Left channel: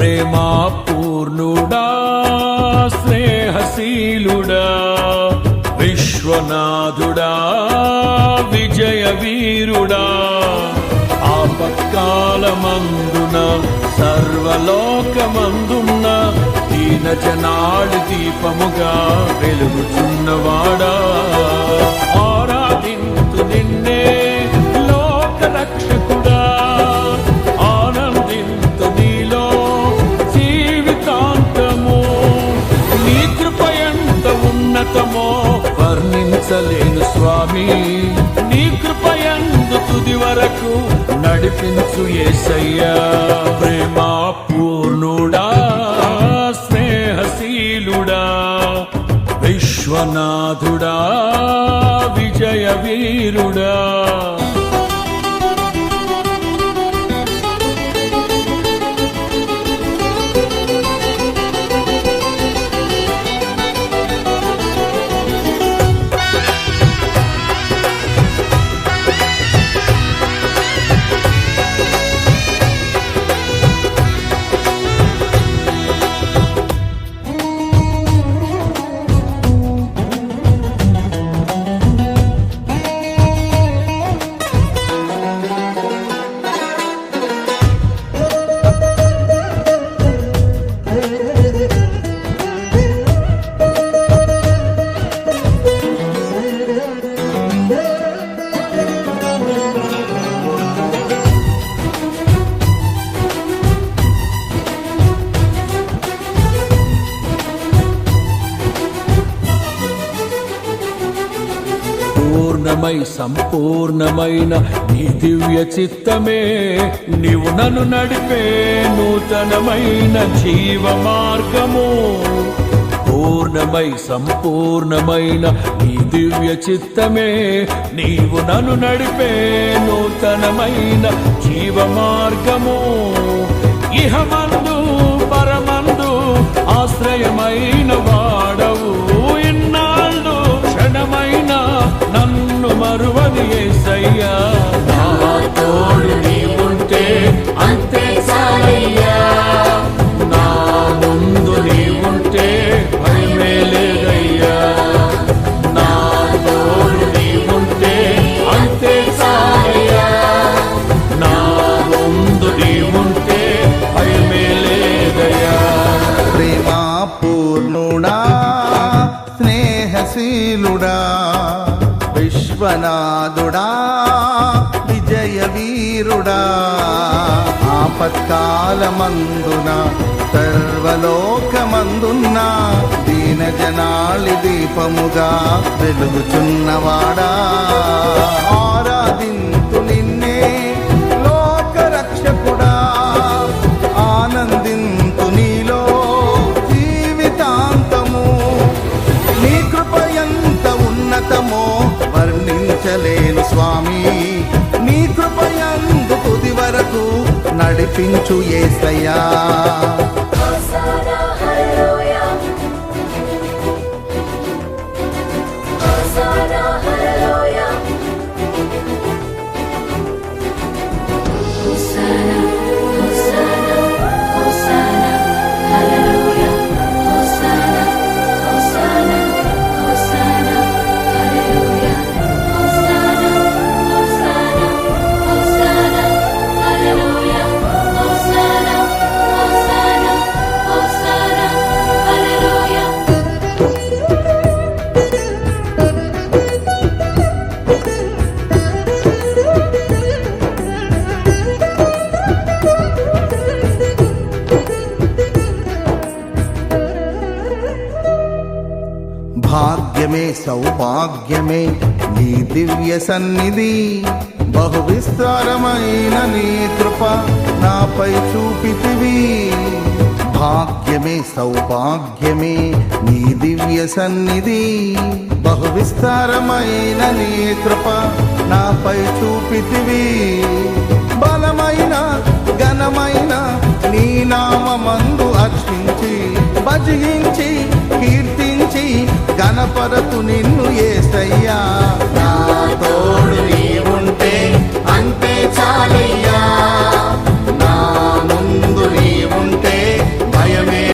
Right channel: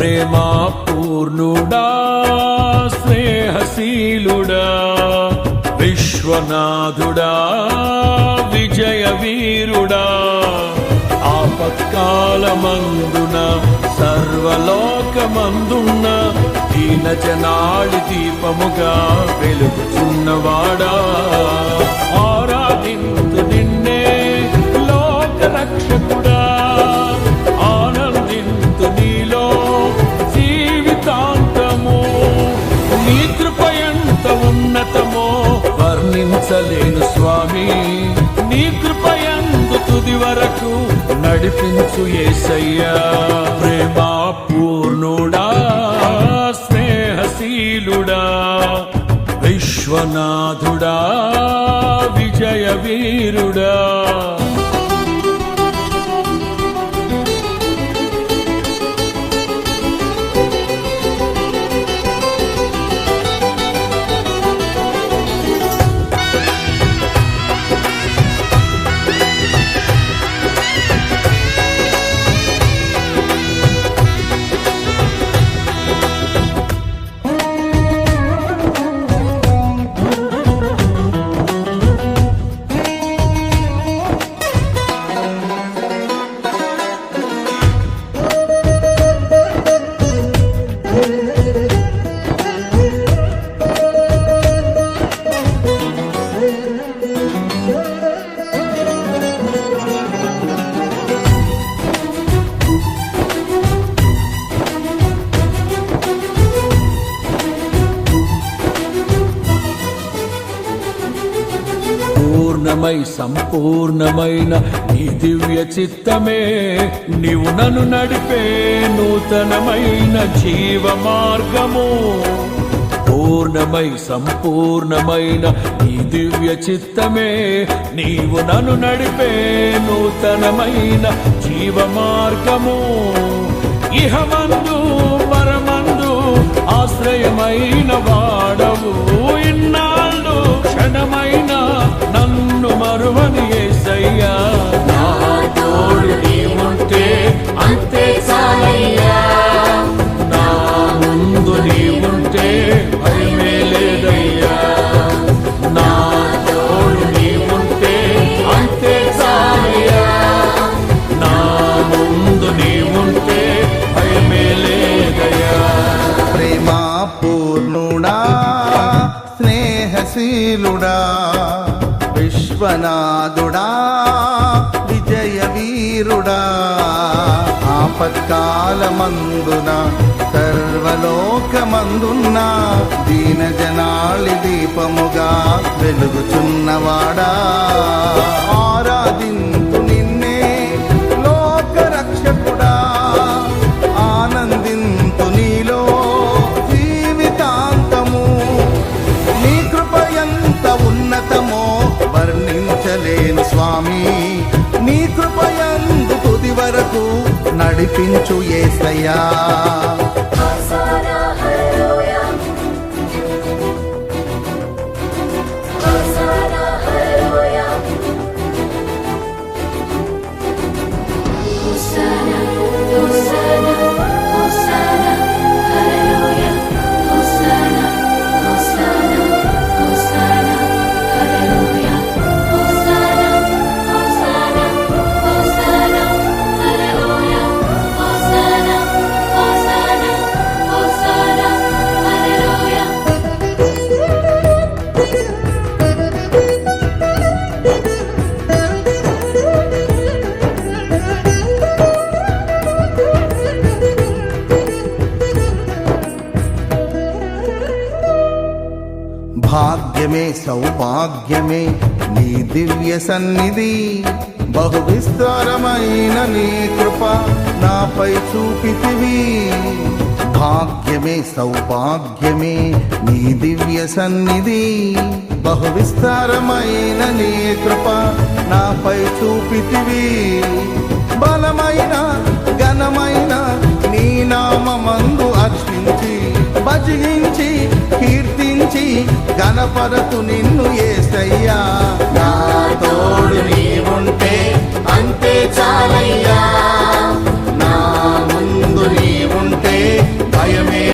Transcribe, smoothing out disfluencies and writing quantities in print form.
ప్రేమా పూర్ణుడా స్నేహశీలుడా విశ్వనాథుడా విజయ వీరుడా ఆపత్కాలమందున సర్వలోకమందున్న దీన జనాళి దీపముగా వెలుగుచున్నవాడా ఆరాధింతు నిన్నే లోక రక్షకుడా ఆనందింతు నీలో జీవితాంతము నీ కృప ఎంత ఉన్నతమో వర్ణించలేను స్వామి నీ కృప యందు తుది వరకు నడిపించు యేసయ్యా ప్రేమా పూర్ణుడా స్నేహశీలుడా విశ్వనాథుడా విజయ వీరుడా పూర్ణమై సంపూర్ణమైన నీ దివ్య చిత్తమే నీవు నన్ను నడిపే నూతనమైన జీవ మార్గము పూర్ణమై సంపూర్ణమైన నీ దివ్య చిత్తమే నీవు నన్ను నడిపే నూతనమైన జీవ మార్గము ఇహమందు పరమందు ఆశ్రయమైన వాడవు ఇన్నాళ్ళు క్షణమైన నన్ను మరువని యేసయ్యా నా తోడు నీవుంటే అంతే చాలయ్యా నా ముందు నీవుంటే భయమే లేదయ్యా నా తోడు నీవుంటే అంతే చాలయ్యా నా ముందు నీవుంటే భయమే లేదయ్యా ప్రేమా పూర్ణుడా స్నేహశీలుడా విశ్వనాథుడా విజయ వీరుడా ఆపత్కాలమందున సర్వలోకమందున్న దీన జనాళి దీపముగా వెలుగుచున్నవాడా ఆరాధింతు నిన్నే లోక రక్షకుడా ఆనందింతు నీలో జీవితాంతము నీ కృప ఎంత ఉన్నతమో వర్ణించలేను స్వామి నీ కృప యందు తుది వరకు నడిపించు యేసయ్యా భాగ్యమే సౌభాగ్యమే నీ దివ్య సన్నిధి బహు విస్తారమైన నీ కృప నాపై చూపితివి భాగ్యమే సౌభాగ్యమే నీ దివ్య సన్నిధి బహు విస్తారమైన నీ కృప నాపై చూపితివి బలమైన ఘనమైన నీ నామమందు హర్షించి భజించి కీర్తించి గణపరతు నిన్ను యేసయ్యా నా తోడు నీవుంటే అంతే చాలయ్యా